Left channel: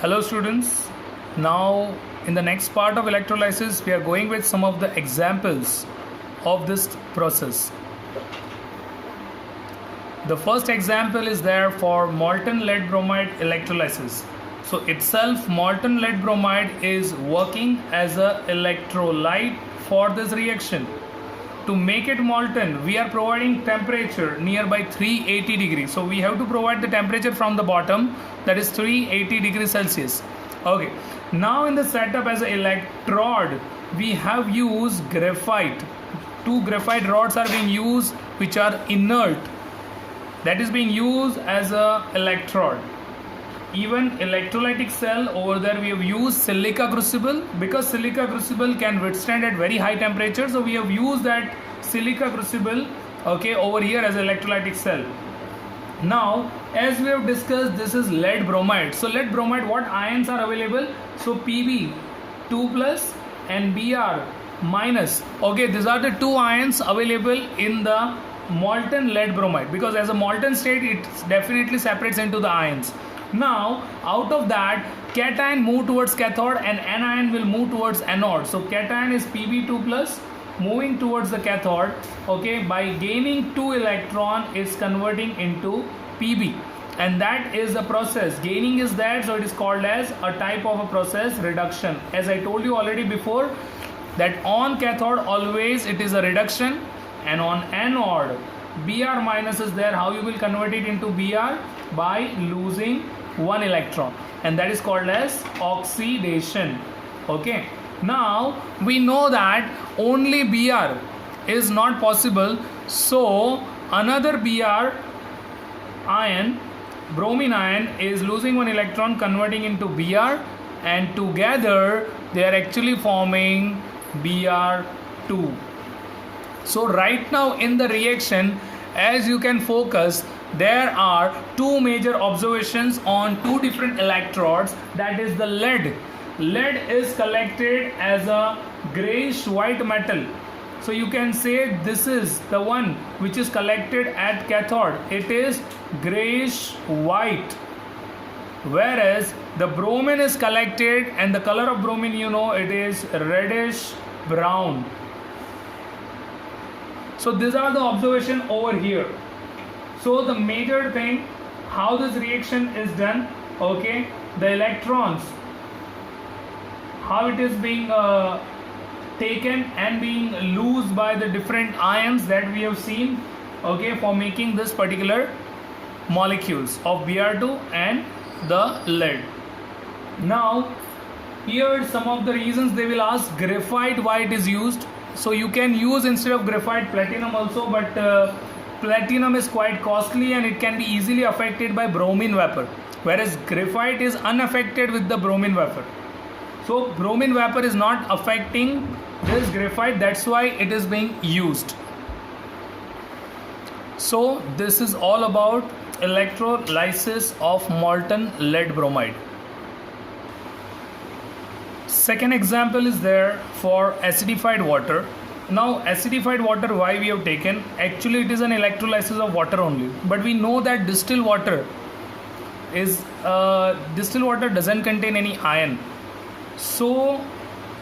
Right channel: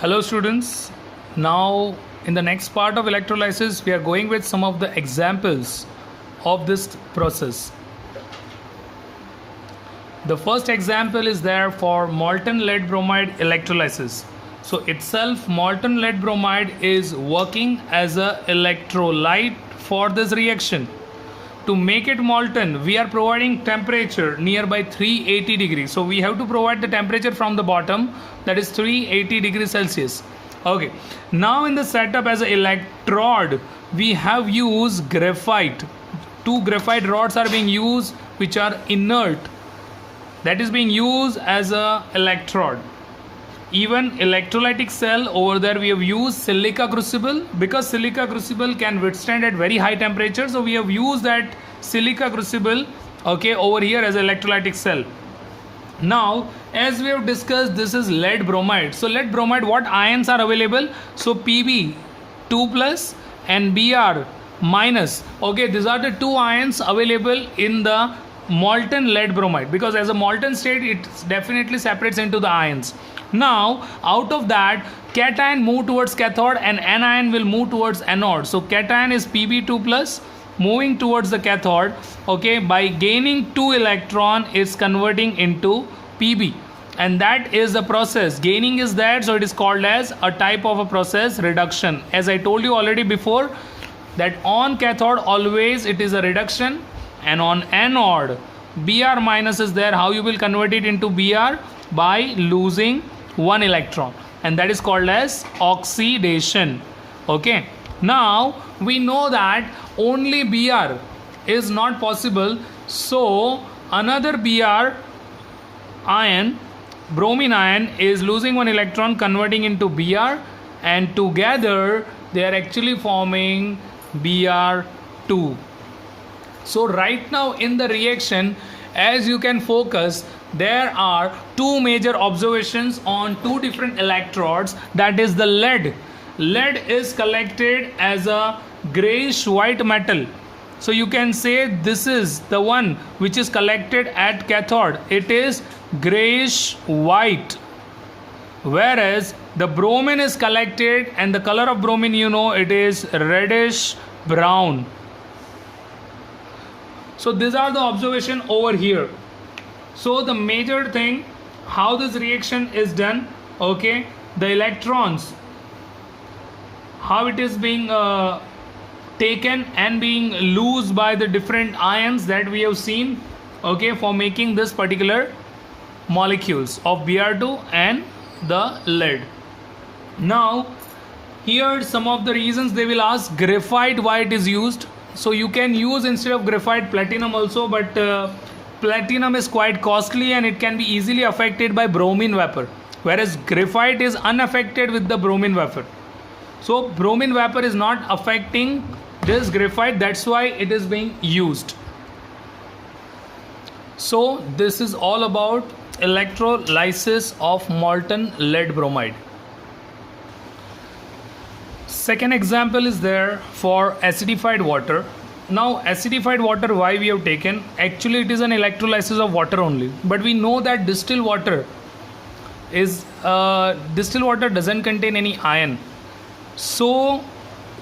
Hello students, now in the next part of electrolysis we are going with some of the examples of this process. The first example is there for molten lead bromide electrolysis. So itself molten lead bromide is working as a electrolyte for this reaction. To make it molten, we are providing temperature nearby 380 degrees. So we have to provide the temperature from the bottom, that is 380 degrees Celsius. Okay. Now in the setup as an electrode, we have used graphite. Two graphite rods are being used which are inert. That is being used as a electrode. Even electrolytic cell, over there we have used silica crucible, because silica crucible can withstand at very high temperature, so we have used that silica crucible over here as electrolytic cell. Now as we have discussed, this is lead bromide. So lead bromide, what ions are available? So Pb 2 plus and Br minus. These are the two ions available in the molten lead bromide, because as a molten state it definitely separates into the ions. Now out of that, cation move towards cathode and anion will move towards anode. So cation is Pb2 plus moving towards the cathode, by gaining 2 electron is converting into Pb, and that is the process. Gaining is there, so it is called as a type of a process reduction. As I told you already before, that on cathode always it is a reduction, and on anode Br minus is there. How you will convert it into Br? By losing 1 electron, and that is called as oxidation. Now we know that only Br is not possible, so another Br ion, bromine ion, is losing 1 electron converting into Br, and together they are actually forming Br2. So right now in the reaction, as you can focus, there are two major observations on two different electrodes. That is the lead. Lead is collected as a grayish white metal. So you can say this is the one which is collected at cathode. It is grayish white. Whereas the bromine is collected, and the color of bromine, it is reddish brown. So these are the observation over here. So the major thing, how this reaction is done, the electrons, how it is being taken and being loosed by the different ions that we have seen, for making this particular molecules of Br2 and the lead. Now here some of the reasons they will ask: graphite, why it is used? So you can use instead of graphite platinum also, but platinum is quite costly and it can be easily affected by bromine vapor, whereas graphite is unaffected with the bromine vapor. So bromine vapor is not affecting this graphite, that's why it is being used. So this is all about electrolysis of molten lead bromide. Second example is there for acidified water. Now acidified water, why we have taken? Actually it is an electrolysis of water only, but we know that distilled water doesn't contain any ion. So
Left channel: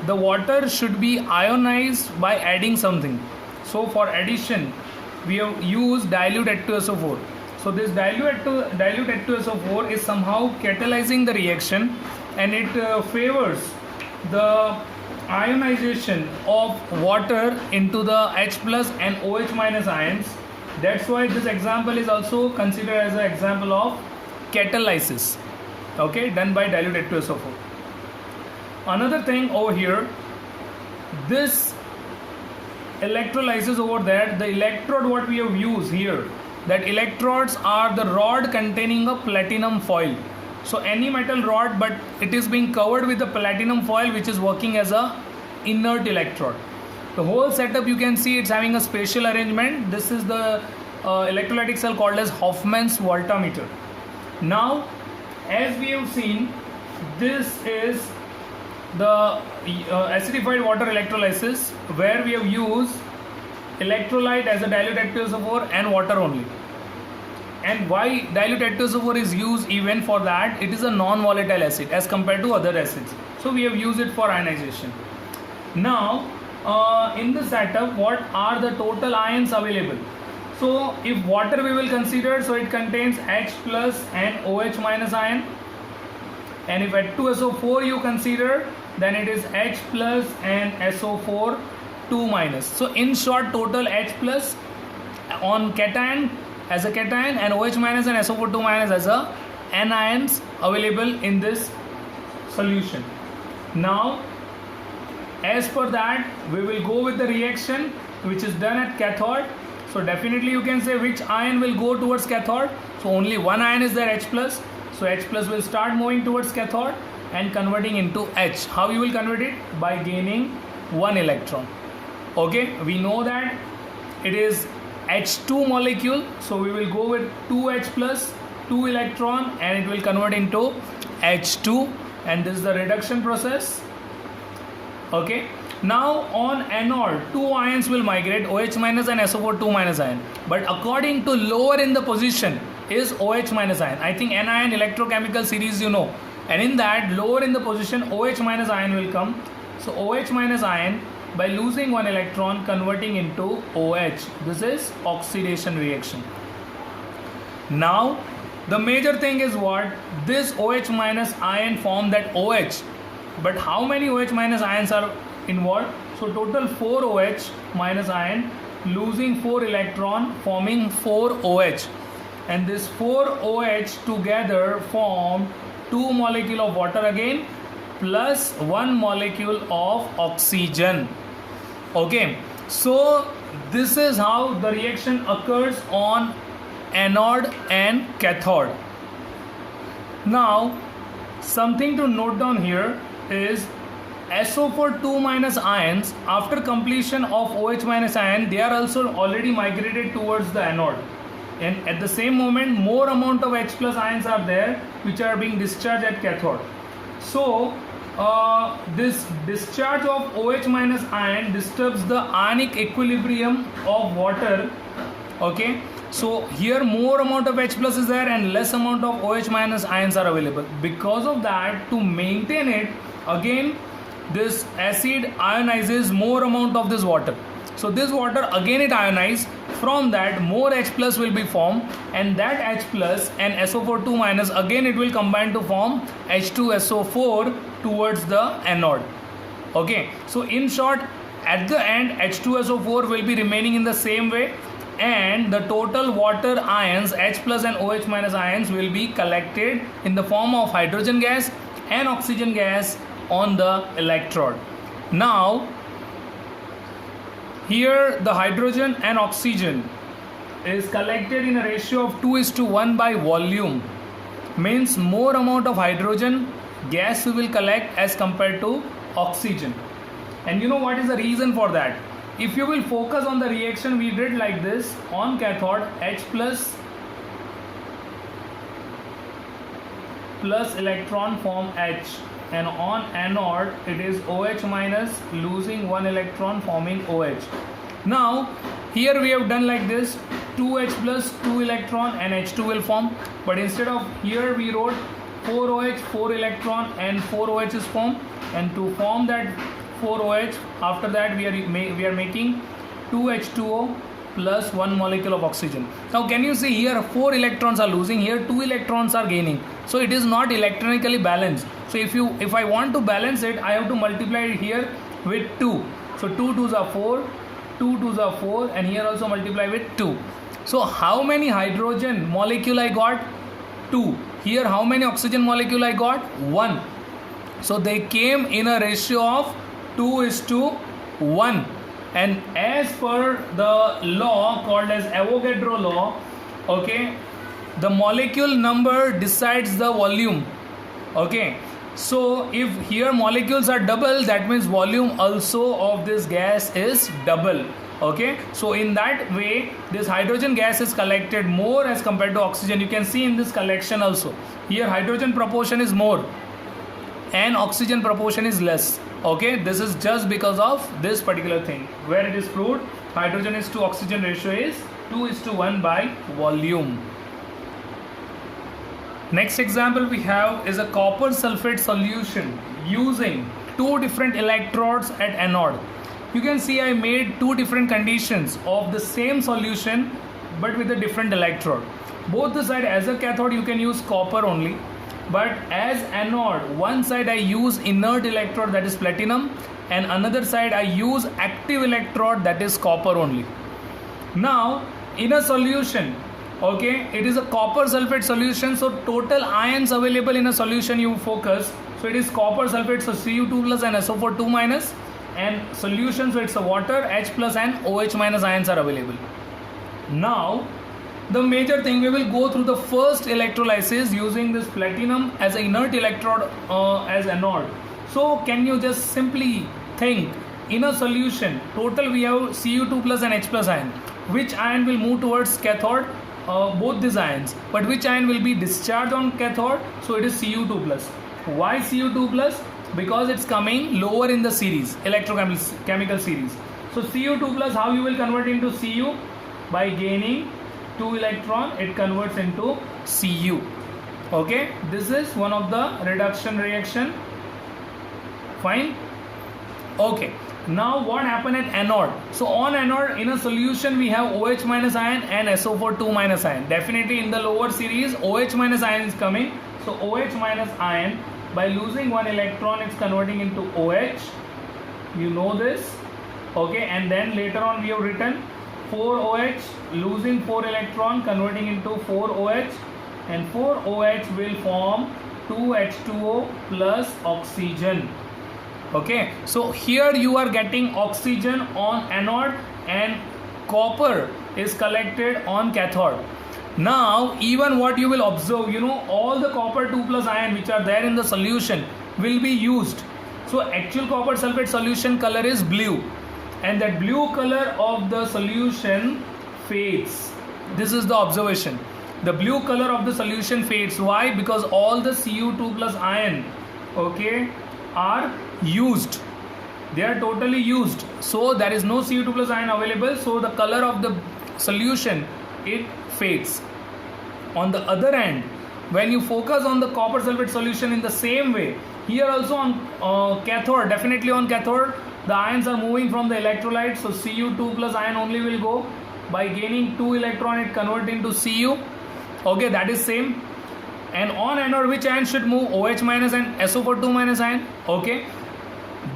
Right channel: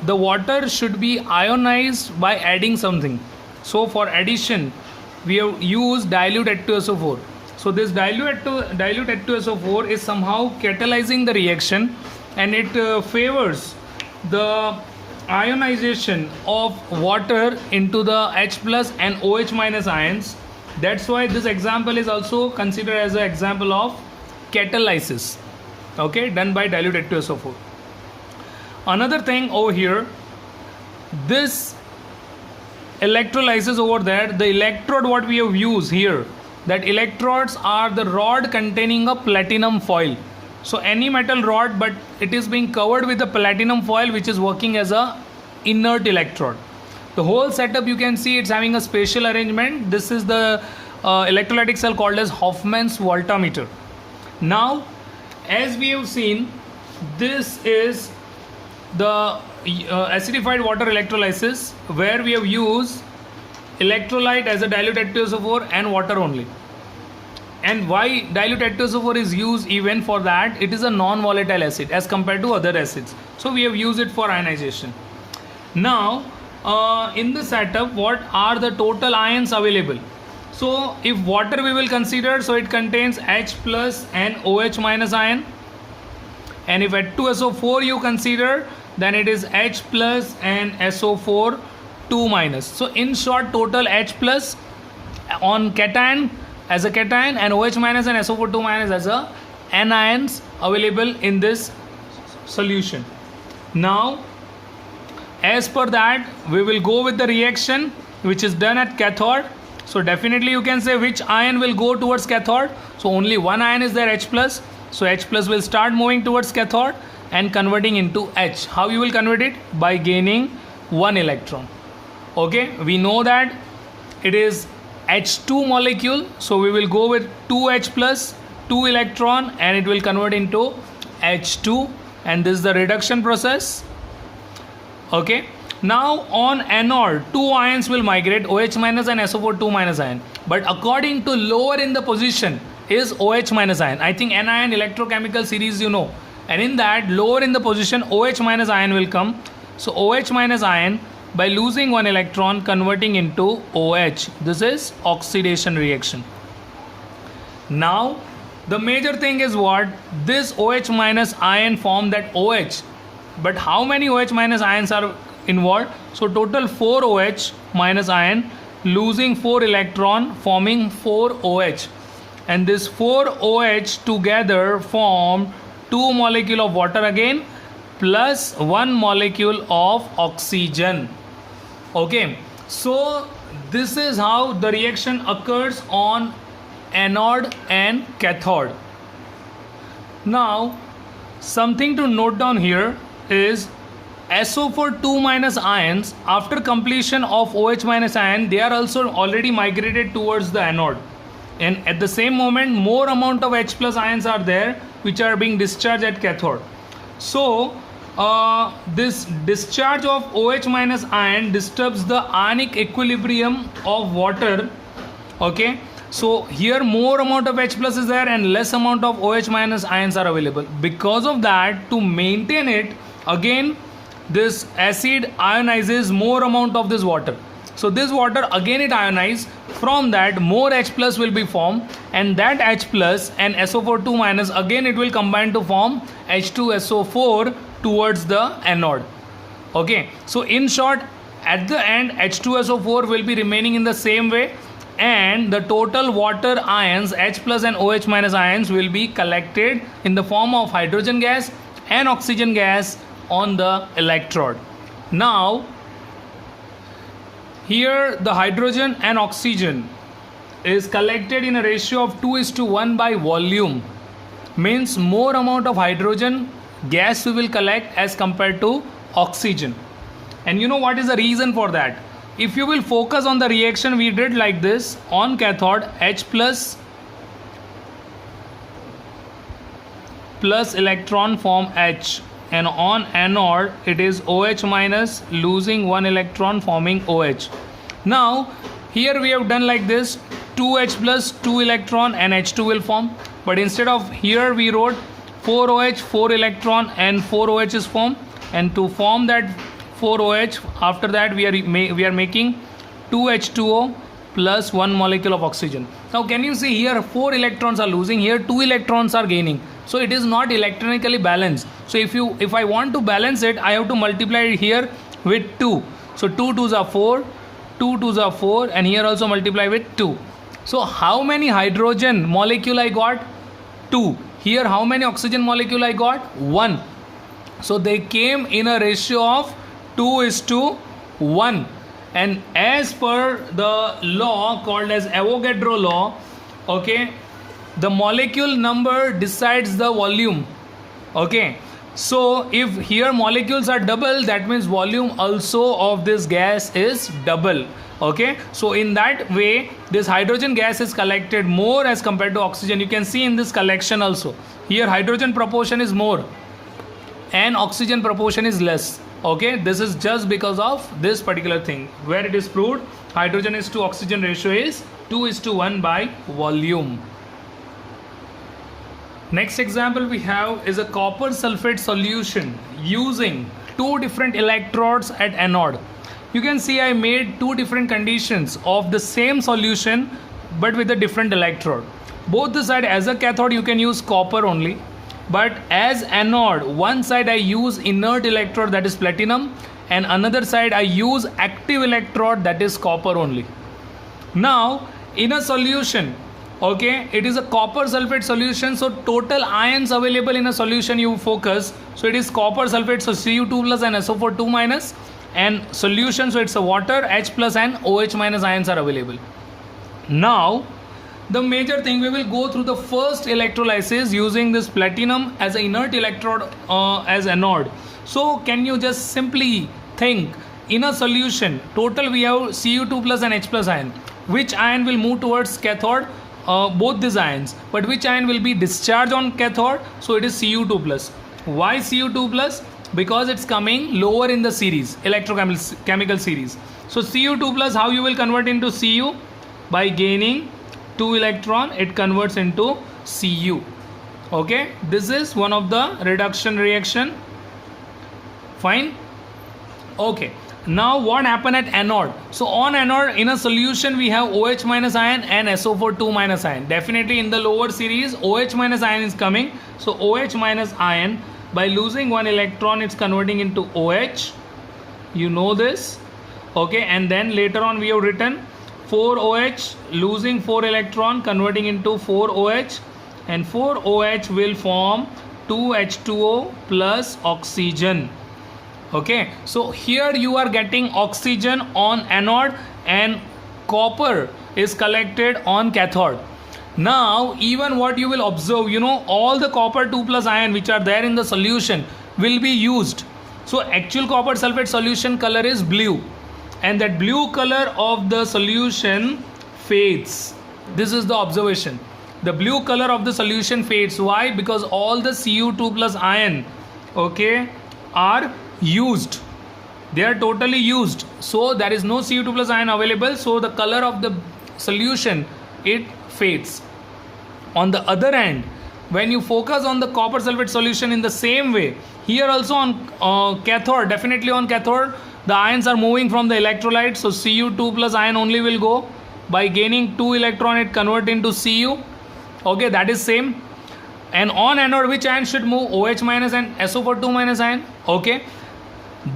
the water should be ionized by adding something. So for addition we have used dilute H2SO4. So this dilute H2SO4 is somehow catalyzing the reaction, and it favors the ionization of water into the H plus and OH minus ions. That's why this example is also considered as an example of catalysis, done by dilute H2SO4. Another thing over here, this electrolysis over there, the electrode what we have used here, that electrodes are the rod containing a platinum foil. So any metal rod, but it is being covered with a platinum foil which is working as a inert electrode. The whole setup, you can see it's having a spatial arrangement. This is the electrolytic cell called as Hofmann's voltameter. Now as we have seen, this is the acidified water electrolysis, where we have used electrolyte as a dilute H2SO4 and water only. And why dilute H2SO4 is used even for that? It is a non-volatile acid as compared to other acids. So we have used it for ionization. Now, in the setup, what are the total ions available? So if water we will consider, so it contains H plus and OH minus ion. And if H2SO4 you consider, then it is H plus and SO4 2 minus. So in short, total H plus on cation as a cation and OH minus and SO4 2 minus as a anions available in this solution. Now, as per that, we will go with the reaction which is done at cathode. So definitely you can say which ion will go towards cathode. So only one ion is there, H plus. So H plus will start moving towards cathode and converting into H. How you will convert it? By gaining one electron. Okay, we know that it is H2 molecule, so we will go with 2H plus 2 electron and it will convert into H2, and this is the reduction process. Okay, now on anode 2 ions will migrate, OH minus and SO4 2 minus ion, but according to lower in the position is OH minus ion. I think anion electrochemical series you know, and in that lower in the position OH minus ion will come. So OH minus ion, by losing one electron, converting into OH. This is oxidation reaction. Now the major thing is what? This OH minus ion form that OH, but how many OH minus ions are involved? So total 4 OH minus ion losing 4 electron, forming 4 OH, and this 4 OH together form 2 molecule of water again plus 1 molecule of oxygen. Okay, so this is how the reaction occurs on anode and cathode. Now something to note down here is SO4 2 minus ions, after completion of OH minus ion, they are also already migrated towards the anode, and at the same moment more amount of H plus ions are there which are being discharged at cathode. So this discharge of OH minus ion disturbs the ionic equilibrium of water. Okay, so here more amount of H plus is there and less amount of OH minus ions are available. Because of that, to maintain it, again this acid ionizes more amount of this water. So this water again it ionizes, from that more H plus will be formed, and that H plus and SO4 2 minus again it will combine to form H2SO4 towards the anode. Okay, so in short, at the end H2SO4 will be remaining in the same way, and the total water ions H plus and OH minus ions will be collected in the form of hydrogen gas and oxygen gas on the electrode. Now here the hydrogen and oxygen is collected in a ratio of 2:1 by volume, means more amount of hydrogen gas we will collect as compared to oxygen. And you know what is the reason for that? If you will focus on the reaction we did like this, on cathode H plus electron form H, and on anode it is OH minus losing 1 electron forming OH. Now here we have done like this, 2H plus 2 electron and H2 will form, but instead of here we wrote 4OH 4 electron and 4 OH is formed, and to form that 4 OH, after that we are making 2H2O plus 1 molecule of oxygen. Now can you see here 4 electrons are losing, here 2 electrons are gaining, so it is not electronically balanced. So if I want to balance it, I have to multiply it here with 2. So 2 2s are 4, 2 2s are 4, and here also multiply with 2. So how many hydrogen molecule I got? 2. Here how many oxygen molecule I got? 1. So they came in a ratio of 2:1, and as per the law called as Avogadro law, okay, the molecule number decides the volume. Okay, so if here molecules are double, that means volume also of this gas is double. Okay, so in that way this hydrogen gas is collected more as compared to oxygen. You can see in this collection also, here hydrogen proportion is more and oxygen proportion is less. Okay, this is just because of this particular thing where it is proved hydrogen is to oxygen ratio is 2:1 by volume. Next example we have is a copper sulphate solution using two different electrodes at anode. You can see I made two different conditions of the same solution but with a different electrode. Both the side, as a cathode you can use copper only, but as anode, one side I use inert electrode, that is platinum, and another side I use active electrode, that is copper only. Now in a solution, okay, it is a copper sulphate solution, so total ions available in a solution you focus, so it is copper sulphate, so Cu2 plus and SO4 2 minus, and solution, so it's a water, H plus and OH minus ions are available. Now the major thing, we will go through the first electrolysis using this platinum as an inert electrode as anode. So can you just simply think, in a solution total we have Cu2 plus and H plus ion, which ion will move towards cathode? Both these ions, but which ion will be discharged on cathode? So it is Cu2 plus. Why Cu2 plus? Because it's coming lower in the series, electrochemical series. So Cu2 plus, how you will convert into Cu? By gaining 2 electron, it converts into Cu. Okay, this is one of the reduction reaction. Fine. Okay, now what happened at anode? So on anode, in a solution we have OH minus ion and SO4 2 minus ion. Definitely in the lower series OH minus ion is coming, so OH minus ion, by losing one electron it's converting into OH, you know this. Okay, and then later on we have written 4OH, losing 4 electron, converting into 4OH, and 4OH will form 2H2O plus oxygen. Okay, so here you are getting oxygen on anode and copper is collected on cathode. Now even what you will observe, you know, all the copper 2 plus ion which are there in the solution will be used. So actual copper sulphate solution color is blue, and that blue color of the solution fades. This is the observation. The blue color of the solution fades. Why? Because all the Cu2 plus ion, okay, are used. They are totally used. So there is no Cu2 plus ion available. So the color of the solution, it fades. On the other hand, when you focus on the copper sulphate solution in the same way, here also on cathode, definitely on cathode, the ions are moving from the electrolyte, so Cu2 plus ion only will go. By gaining 2 electron, it convert into Cu. Okay, that is same. And on anode, which ion should move? OH minus and SO4 2 minus ion. Okay,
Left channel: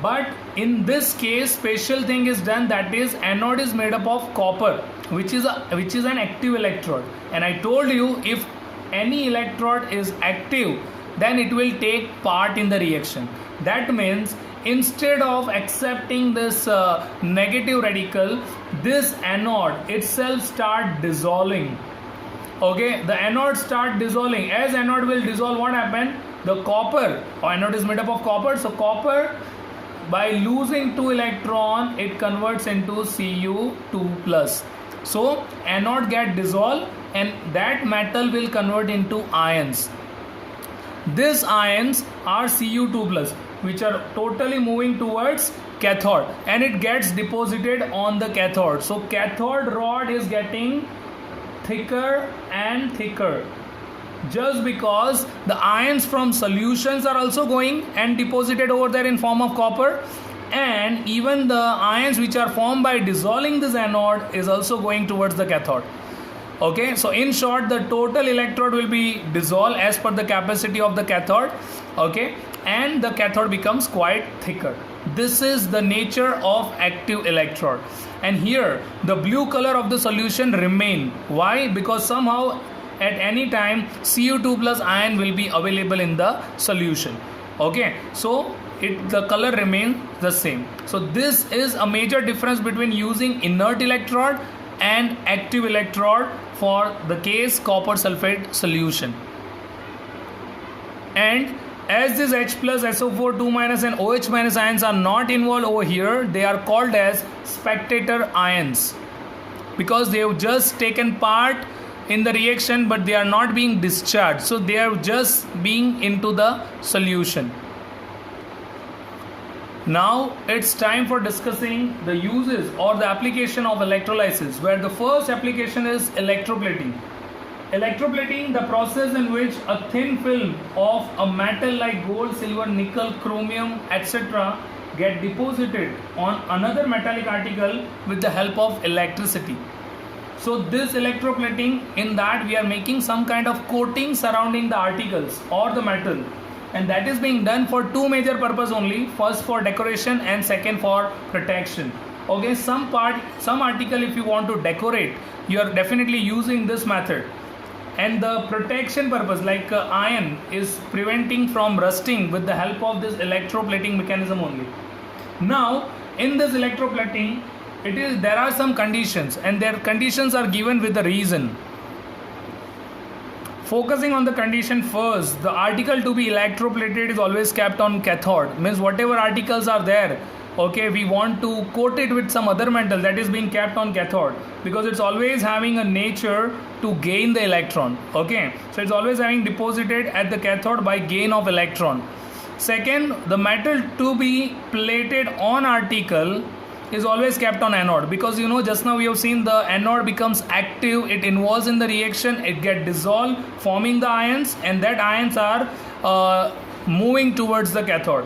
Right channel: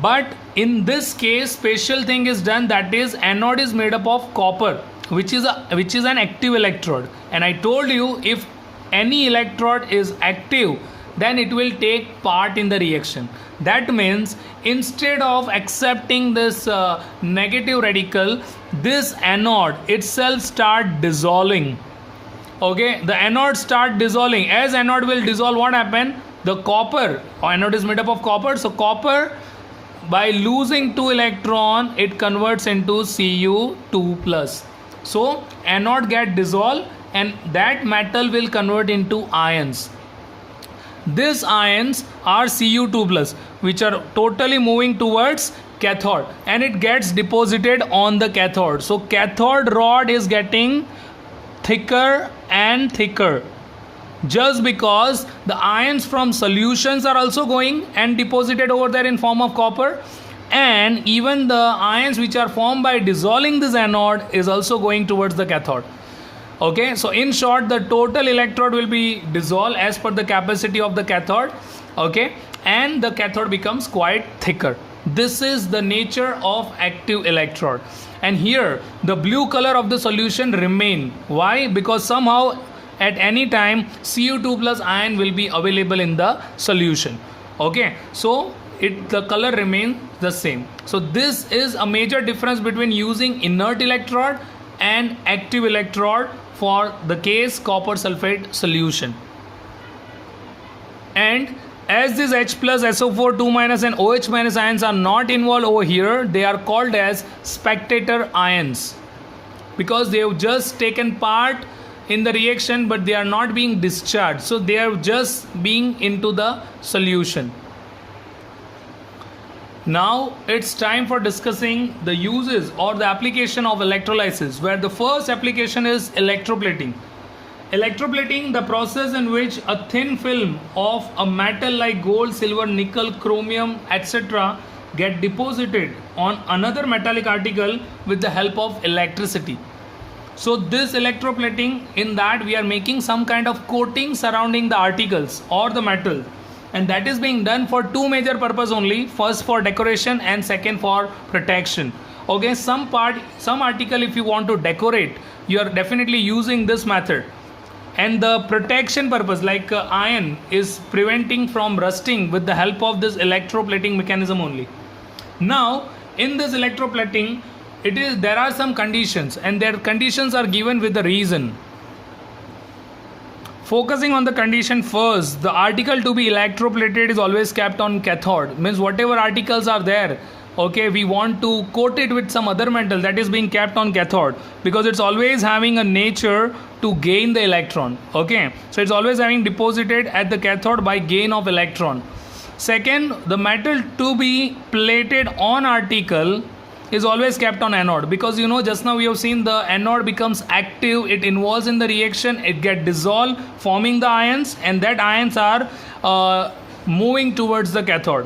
but in this case special thing is done, that is anode is made up of copper, which is an active electrode, and I told you if any electrode is active then it will take part in the reaction. That means instead of accepting this negative radical, this anode itself start dissolving. Okay, the anode start dissolving. As anode will dissolve, what happen? The copper, anode is made up of copper, so copper, by losing 2 electron, it converts into Cu2 plus. So anode get dissolved and that metal will convert into ions. These ions are Cu2 plus, which are totally moving towards cathode, and it gets deposited on the cathode. So cathode rod is getting thicker and thicker, just because the ions from solutions are also going and deposited over there in form of copper, and even the ions which are formed by dissolving this anode is also going towards the cathode. Okay, so in short, the total electrode will be dissolved as per the capacity of the cathode. Okay, and the cathode becomes quite thicker. This is the nature of active electrode, and here the blue color of the solution remain. Why? Because somehow at any time Cu2 plus ion will be available in the solution. Okay, so the color remains the same. So this is a major difference between using inert electrode and active electrode for the case copper sulphate solution. And as this H plus, SO4 2 minus and OH minus ions are not involved over here, they are called as spectator ions, because they have just taken part in the reaction but they are not being discharged, so they are just being into the solution. Now it's time for discussing the uses or the application of electrolysis, where the first application is electroplating. Electroplating, the process in which a thin film of a metal like gold, silver, nickel, chromium, etc. get deposited on another metallic article with the help of electricity. So this electroplating, in that we are making some kind of coating surrounding the articles or the metal, and that is being done for two major purposes only. First for decoration and second for protection. Okay, some article if you want to decorate, you are definitely using this method, and the protection purpose like iron is preventing from rusting with the help of this electroplating mechanism only. Now in this electroplating, there are some conditions, and their conditions are given with the reason. Focusing on the condition first, the article to be electroplated is always kept on cathode. Means whatever articles are there, okay, we want to coat it with some other metal, that is being kept on cathode, because it's always having a nature to gain the electron. Okay, so it's always having deposited at the cathode by gain of electron. Second, the metal to be plated on article is always kept on anode, because just now we have seen the anode becomes active, it involves in the reaction, it get dissolved forming the ions, and that ions are moving towards the cathode.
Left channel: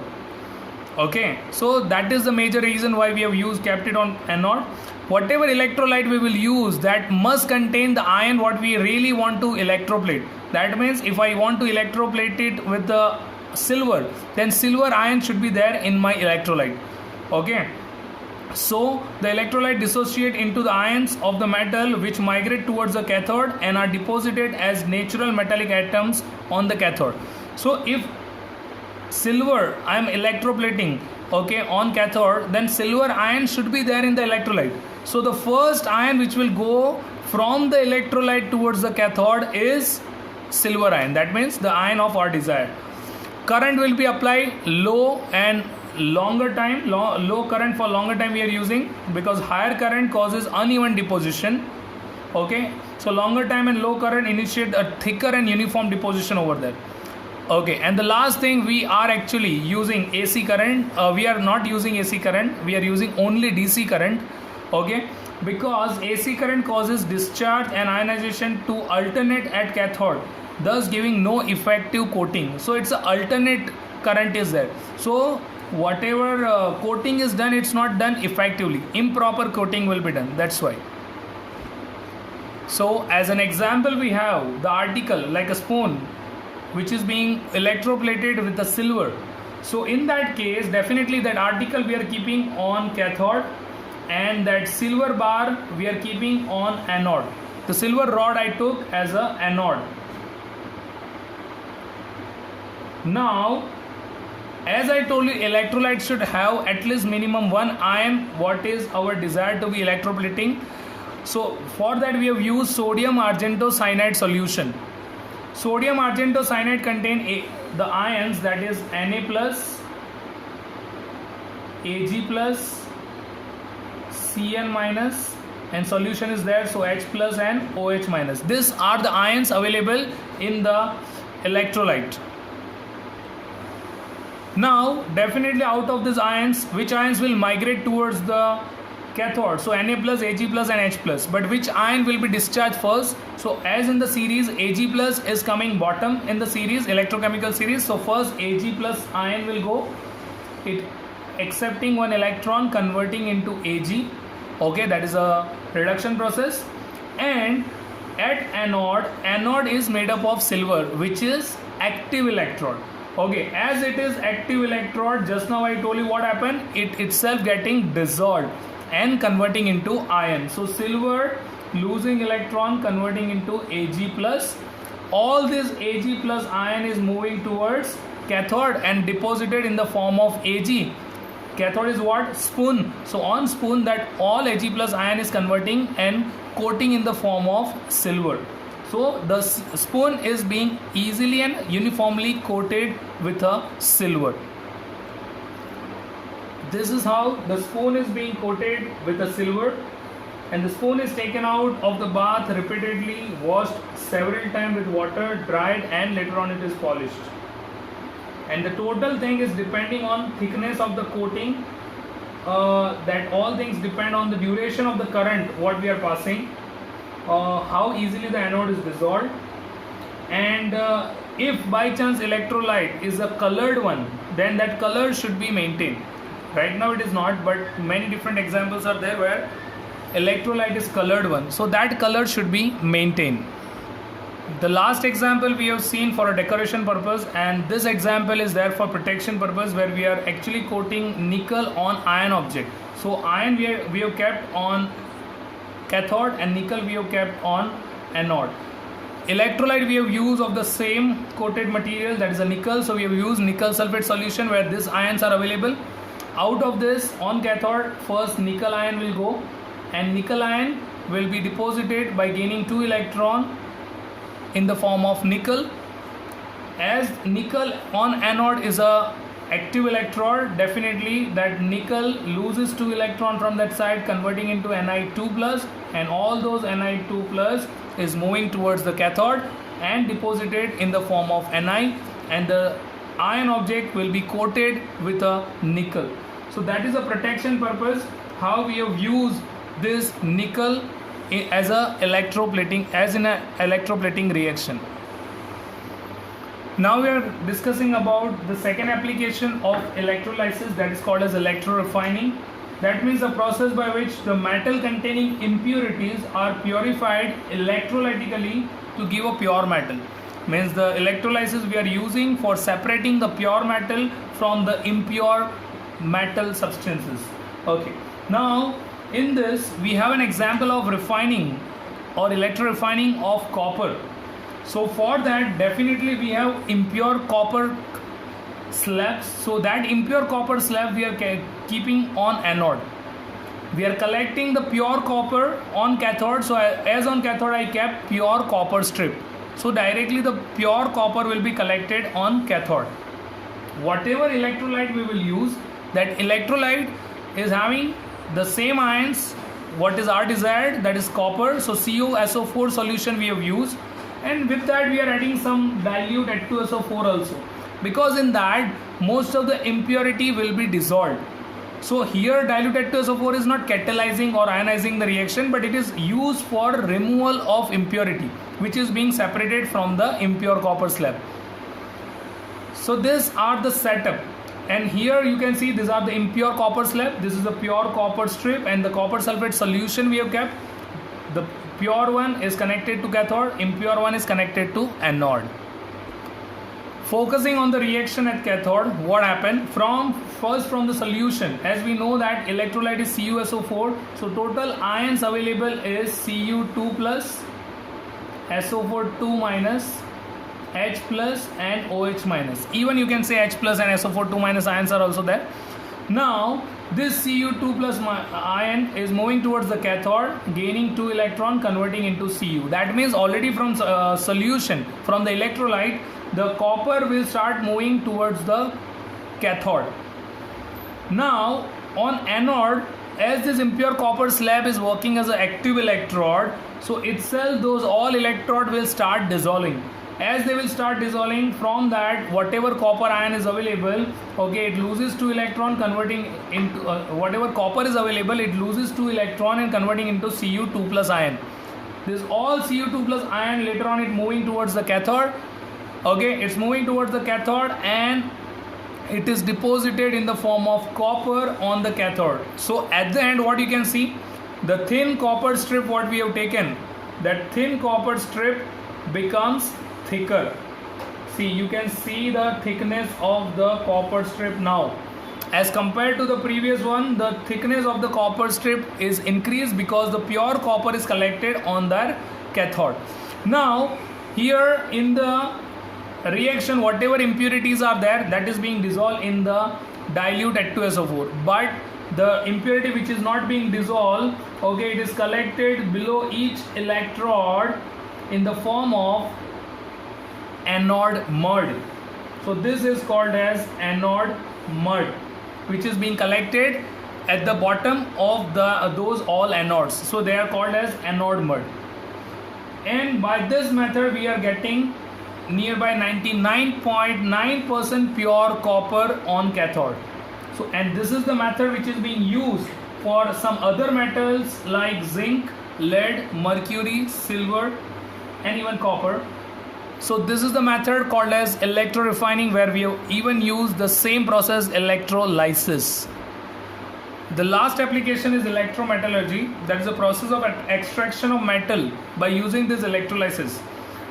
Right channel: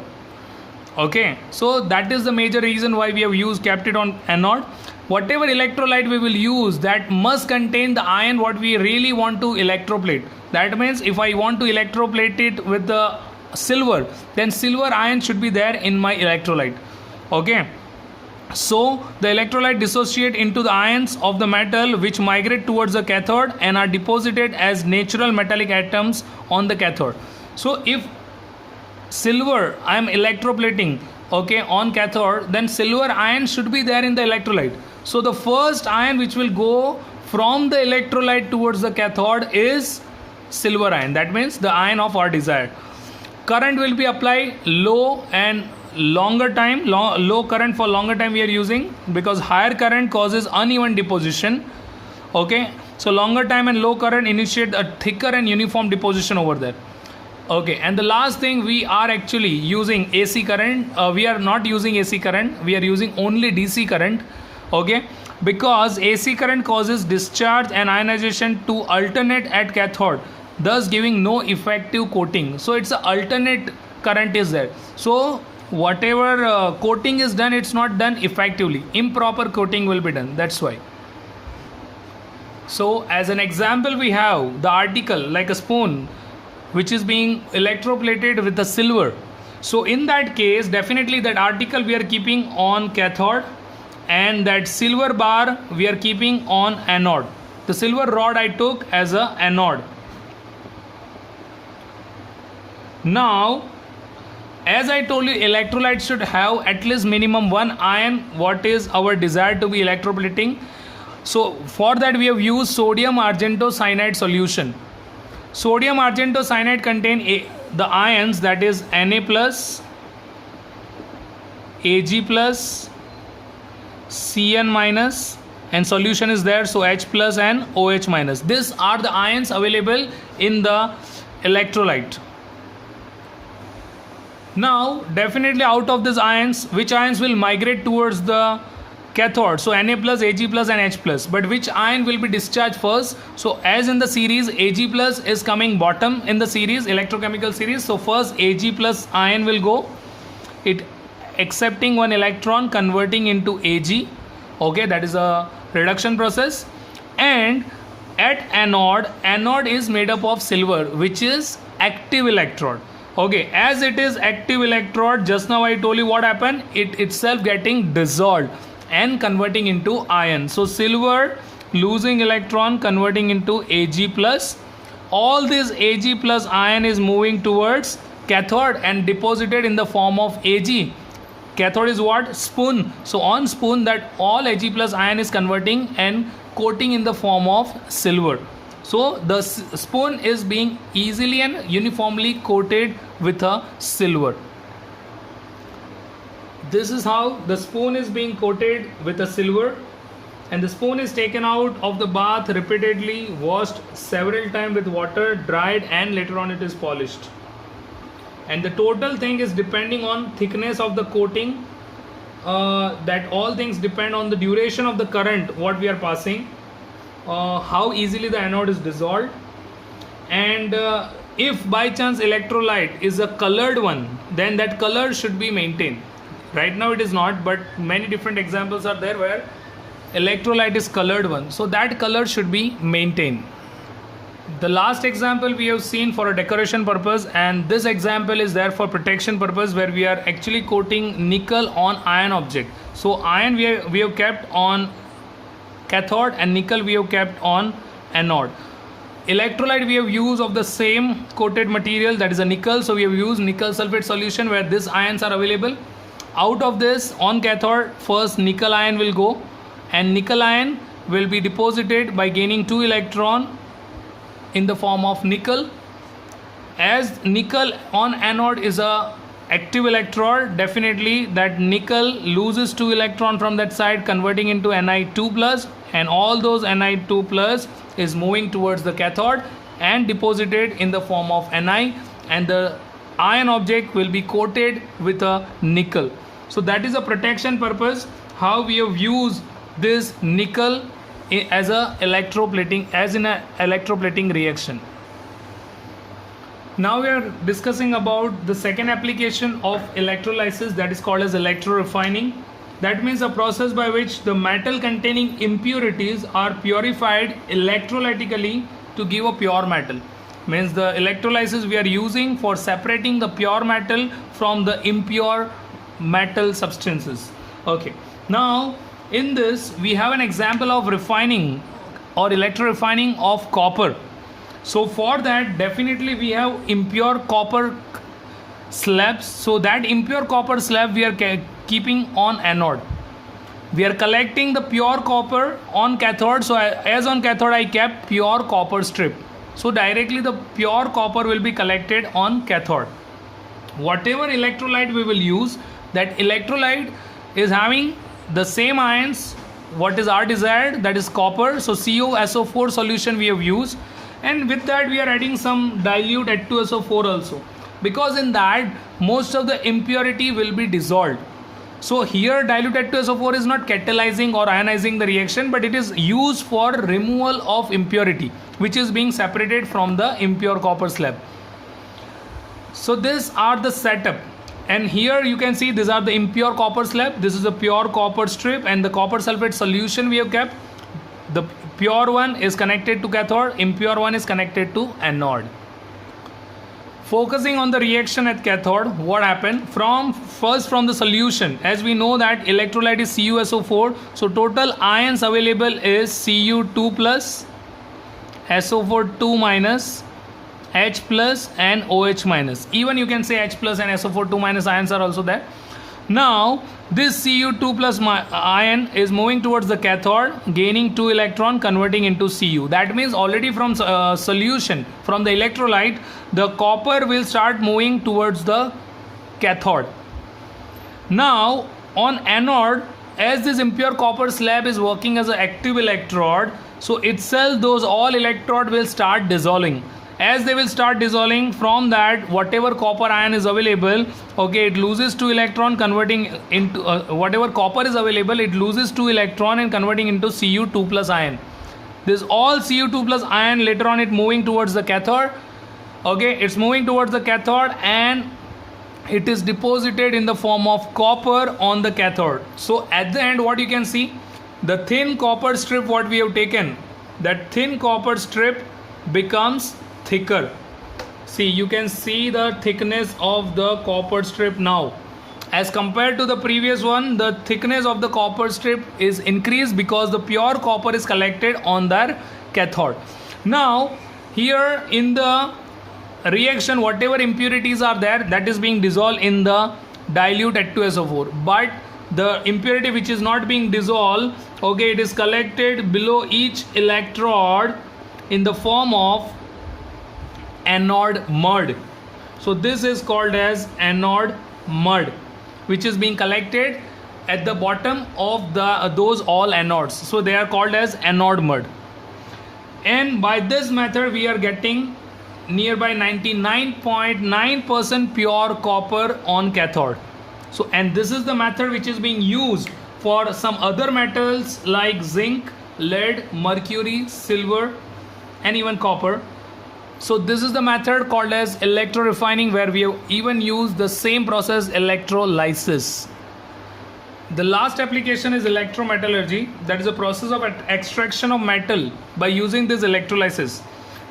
Okay, so that is the major reason why we have kept it on anode. Whatever electrolyte we will use, that must contain the ion what we really want to electroplate. That means if I want to electroplate it with the silver, then silver ion should be there in my electrolyte. Okay, so the electrolyte dissociate into the ions of the metal which migrate towards the cathode and are deposited as natural metallic atoms on the cathode. So if silver I am electroplating, okay, on cathode, then silver ion should be there in the electrolyte. So the first ion which will go from the electrolyte towards the cathode is silver ion. That means the ion of our desire. Current will be applied low and longer time, low current for longer time we are using, because higher current causes uneven deposition. Okay, so longer time and low current initiate a thicker and uniform deposition over there. Okay, and the last thing, we are actually using AC current. We are not using AC current, we are using only DC current. Okay, because AC current causes discharge and ionization to alternate at cathode, thus giving no effective coating. So it's an alternate current is there, so whatever coating is done, it's not done effectively, improper coating will be done, that's why. So as an example, we have the article like a spoon which is being electroplated with the silver. So in that case, definitely that article we are keeping on cathode, and that silver bar we are keeping on anode. The silver rod I took as a anode. Now as I told you, electrolyte should have at least minimum one ion what is our desire to be electroplating. So for that we have used sodium argentocyanide solution. Sodium argentocyanide contain the ions, that is Na plus, Ag plus, Cn minus, and solution is there, so H plus and OH minus. These are the ions available in the electrolyte. Now definitely out of these ions, which ions will migrate towards the cathode? So Na plus, Ag plus and H plus. But which ion will be discharged first? So as in the series, Ag plus is coming bottom in the series, electrochemical series. So first Ag plus ion will go, it accepting one electron, converting into Ag. Okay, that is a reduction process. And at anode is made up of silver, which is active electrode. Okay, as it is active electrode, just now I told you what happened, it itself getting dissolved and converting into iron. So silver losing electron, converting into Ag plus. All this Ag plus ion is moving towards cathode and deposited in the form of Ag. Cathode is what? Spoon. So on spoon, that all Ag plus ion is converting and coating in the form of silver. So the spoon is being easily and uniformly coated with a silver. This is how the spoon is being coated with a silver, and the spoon is taken out of the bath repeatedly, washed several times with water, dried, and later on it is polished. And the total thing is depending on thickness of the coating, that all things depend on the duration of the current what we are passing. how easily the anode is dissolved, and if by chance electrolyte is a colored one, then that color should be maintained. Right now it is not, but many different examples are there where electrolyte is colored one, so that color should be maintained. The last example we have seen for a decoration purpose, and this example is there for protection purpose, where we are actually coating nickel on iron object. So iron we have kept on cathode and nickel we have kept on anode. Electrolyte we have used of the same coated material, that is a nickel, so we have used nickel sulphate solution where these ions are available. Out of this, on cathode, first nickel ion will go, and nickel ion will be deposited by gaining 2 electron in the form of nickel. As nickel on anode is a active electrode, definitely that nickel loses 2 electron from that side, converting into Ni2 plus, and all those Ni2 plus is moving towards the cathode and deposited in the form of Ni, and the ion object will be coated with a nickel. So that is a protection purpose how we have used this nickel as a electroplating, as in a electroplating reaction. Now we are discussing about the second application of electrolysis, that is called as electrorefining. That means a process by which the metal containing impurities are purified electrolytically to give a pure metal. Means the electrolysis we are using for separating the pure metal from the impure metal substances. Okay, now in this we have an example of refining or electrorefining of copper. So for that, definitely we have impure copper slabs. So that impure copper slab we are keeping on anode. We are collecting the pure copper on cathode. So as on cathode I kept pure copper strip. So directly the pure copper will be collected on cathode. Whatever electrolyte we will use, that electrolyte is having the same ions what is our desired, that is copper. So CuSO4 solution we have used, and with that we are adding some dilute H2SO4 also, because in that most of the impurity will be dissolved. So here dilute H2SO4 is not catalyzing or ionizing the reaction, but it is used for removal of impurity which is being separated from the impure copper slab. So these are the setup, and here you can see these are the impure copper slab, this is the pure copper strip, and the copper sulphate solution we have kept. The pure one is connected to cathode, impure one is connected to anode. Focusing on the reaction at cathode, what happened from the solution, as we know that electrolyte is CuSO4, so total ions available is Cu2 plus, SO4 2 minus, H plus and OH minus. Even you can say H plus and SO4 2 minus ions are also there. Now this Cu2 plus ion is moving towards the cathode, gaining 2 electron, converting into Cu. That means already from solution, from the electrolyte, the copper will start moving towards the cathode. Now on anode, as this impure copper slab is working as an active electrode, so itself those all electrode will start dissolving. As they will start dissolving, from that whatever copper ion is available, okay, it loses 2 electron, converting into whatever copper is available, it loses 2 electron and converting into Cu2 plus ion. This all Cu2 plus ion later on it moving towards the cathode. Okay, it's moving towards the cathode and it is deposited in the form of copper on the cathode. So at the end what you can see, the thin copper strip what we have taken, that thin copper strip becomes thicker. See, you can see the thickness of the copper strip now. As compared to the previous one, the thickness of the copper strip is increased because the pure copper is collected on their cathode. Now here in the reaction, whatever impurities are there, that is being dissolved in the dilute H2SO4, but the impurity which is not being dissolved, okay, it is collected below each electrode in the form of anode mud. So this is called as anode mud, which is being collected at the bottom of those all anodes. So they are called as anode mud. And by this method we are getting nearby 99.9% pure copper on cathode. So, and this is the method which is being used for some other metals like zinc, lead, mercury, silver, and even copper. So this is the method called as electro refining, where we have even used the same process, electrolysis. The last application is electrometallurgy, that is a process of extraction of metal by using this electrolysis.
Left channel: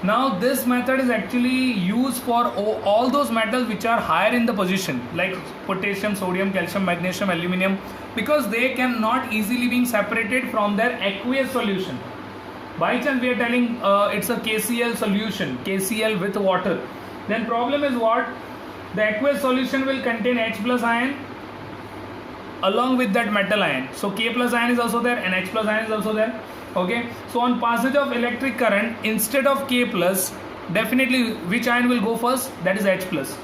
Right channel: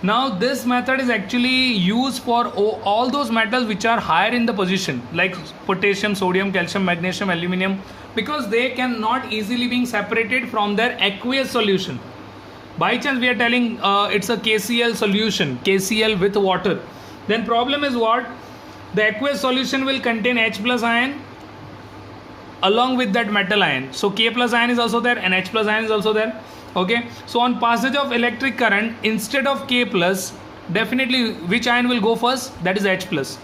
Now this method is actually used for all those metals which are higher in the position, like potassium, sodium, calcium, magnesium, aluminum, because they cannot easily be separated from their aqueous solution. By chance we are telling it's a KCl solution, KCl with water, then problem is what? The aqueous solution will contain H plus ion along with that metal ion. So K plus ion is also there and H plus ion is also there. Okay, so on passage of electric current, instead of K plus, definitely which ion will go first? That is H plus.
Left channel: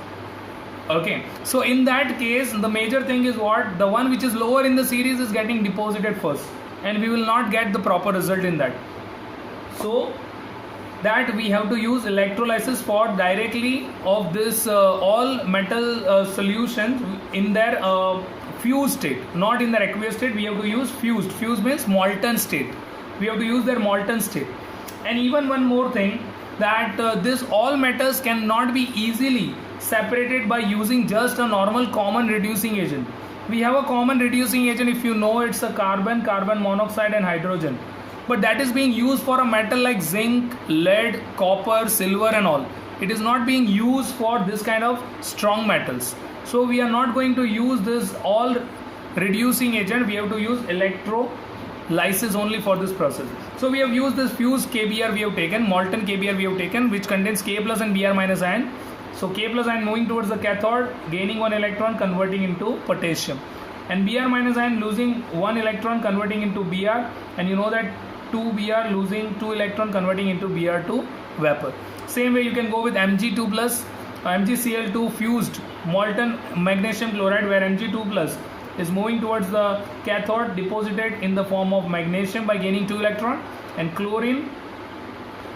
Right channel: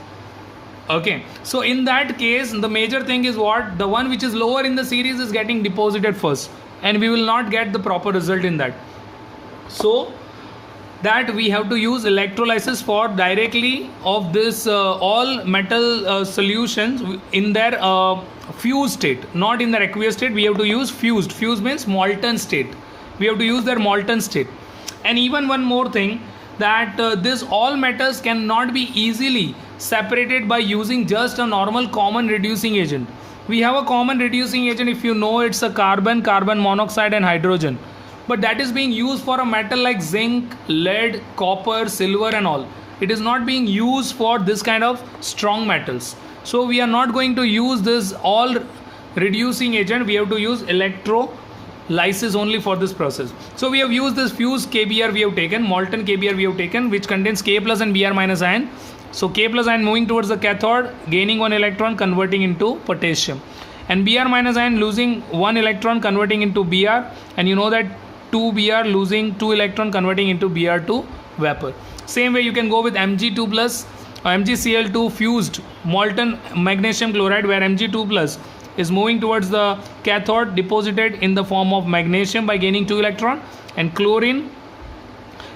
Okay, so in that case the major thing is what? The one which is lower in the series is getting deposited first, and we will not get the proper result in that. So that we have to use electrolysis for directly of this all metal solutions in their fused state, not in their aqueous state. We have to use fused. Fused means molten state. We have to use their molten state. And even one more thing, that this all metals cannot be easily separated by using just a normal common reducing agent. We have a common reducing agent, if you know, it's a carbon monoxide and hydrogen, but that is being used for a metal like zinc, lead, copper, silver and all. It is not being used for this kind of strong metals. So we are not going to use this all reducing agent. We have to use electrolysis only for this process. So we have used this fused KBr we have taken, molten KBr we have taken, which contains K plus and Br minus ion. So K plus ion moving towards the cathode, gaining one electron, converting into potassium, and Br minus ion losing one electron, converting into Br, and you know that 2 Br losing 2 electron, converting into Br2 vapor. Same way you can go with Mg2 plus MgCl2 fused molten magnesium chloride, where Mg2 plus is moving towards the cathode, deposited in the form of magnesium by gaining 2 electron, and chlorine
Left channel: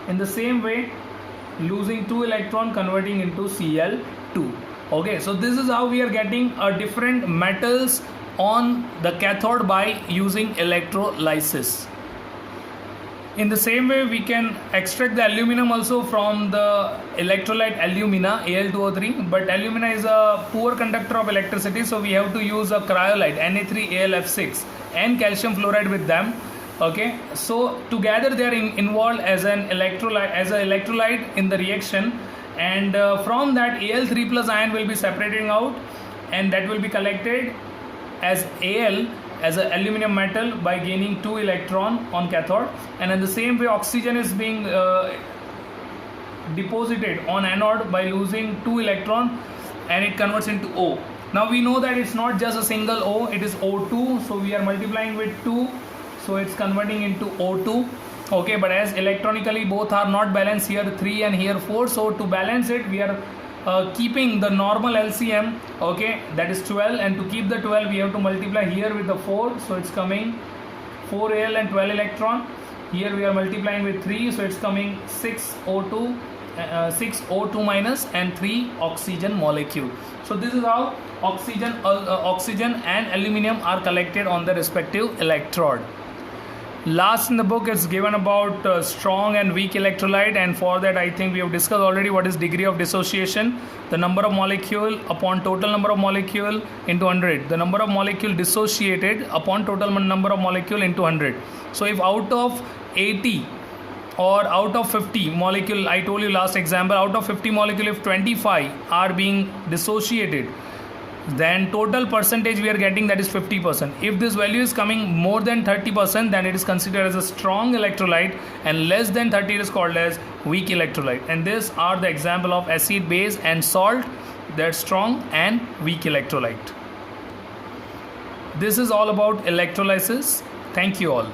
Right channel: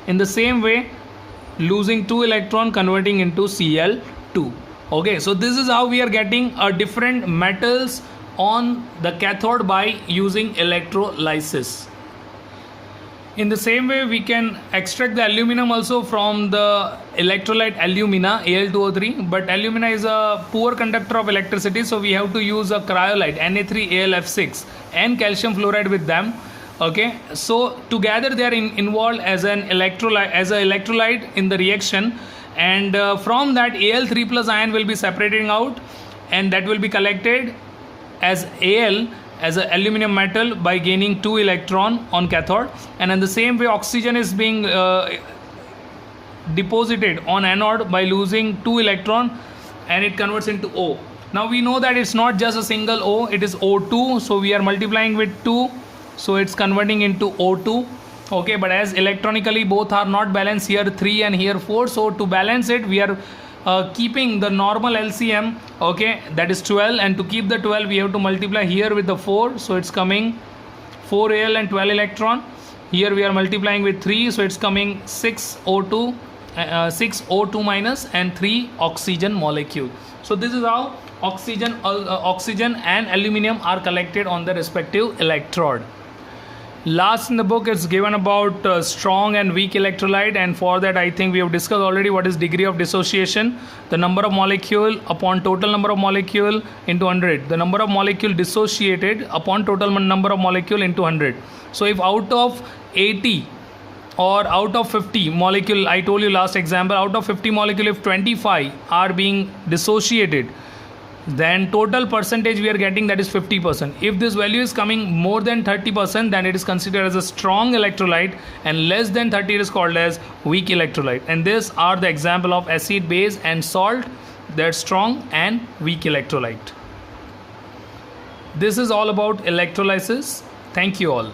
in the same way losing 2 electron, converting into Cl2. Okay, so this is how we are getting different metals on the cathode by using electrolysis. In the same way, we can extract the aluminum also from the electrolyte alumina, Al2O3, but alumina is a poor conductor of electricity, so we have to use a cryolite, Na3AlF6, and calcium fluoride with them. Okay, so together they are involved as an electrolyte in the reaction, and from that Al3 plus ion will be separating out, and that will be collected as Al as an aluminum metal by gaining 2 electron on cathode, and in the same way oxygen is being deposited on anode by losing 2 electron, and it converts into O. Now we know that it's not just a single O, it is O2, so we are multiplying with 2, so it's converting into O2. Okay, but as electronically both are not balanced, here 3 and here 4, so to balance it we are keeping the normal LCM, okay, that is 12, and to keep the 12 we have to multiply here with the 4, so it's coming 4 Al and 12 electron. Here we are multiplying with 3, so it's coming 6 O2 minus and 3 oxygen molecule. So this is how oxygen and aluminum are collected on the respective electrode. Last in the book is given about strong and weak electrolyte, and for that I think we have discussed already what is degree of dissociation, the number of molecule upon total number of molecule into 100, the number of molecule dissociated upon total number of molecule into 100. So if out of 80 or out of 50 molecule, I told you last example, out of 50 molecule if 25 are being dissociated, then total percentage we are getting, that is 50%. If this value is coming more than 30%, then it is considered as a strong electrolyte, and less than 30 is called as weak electrolyte. And these are the example of acid, base and salt, that strong and weak electrolyte. This is all about electrolysis. Thank you all.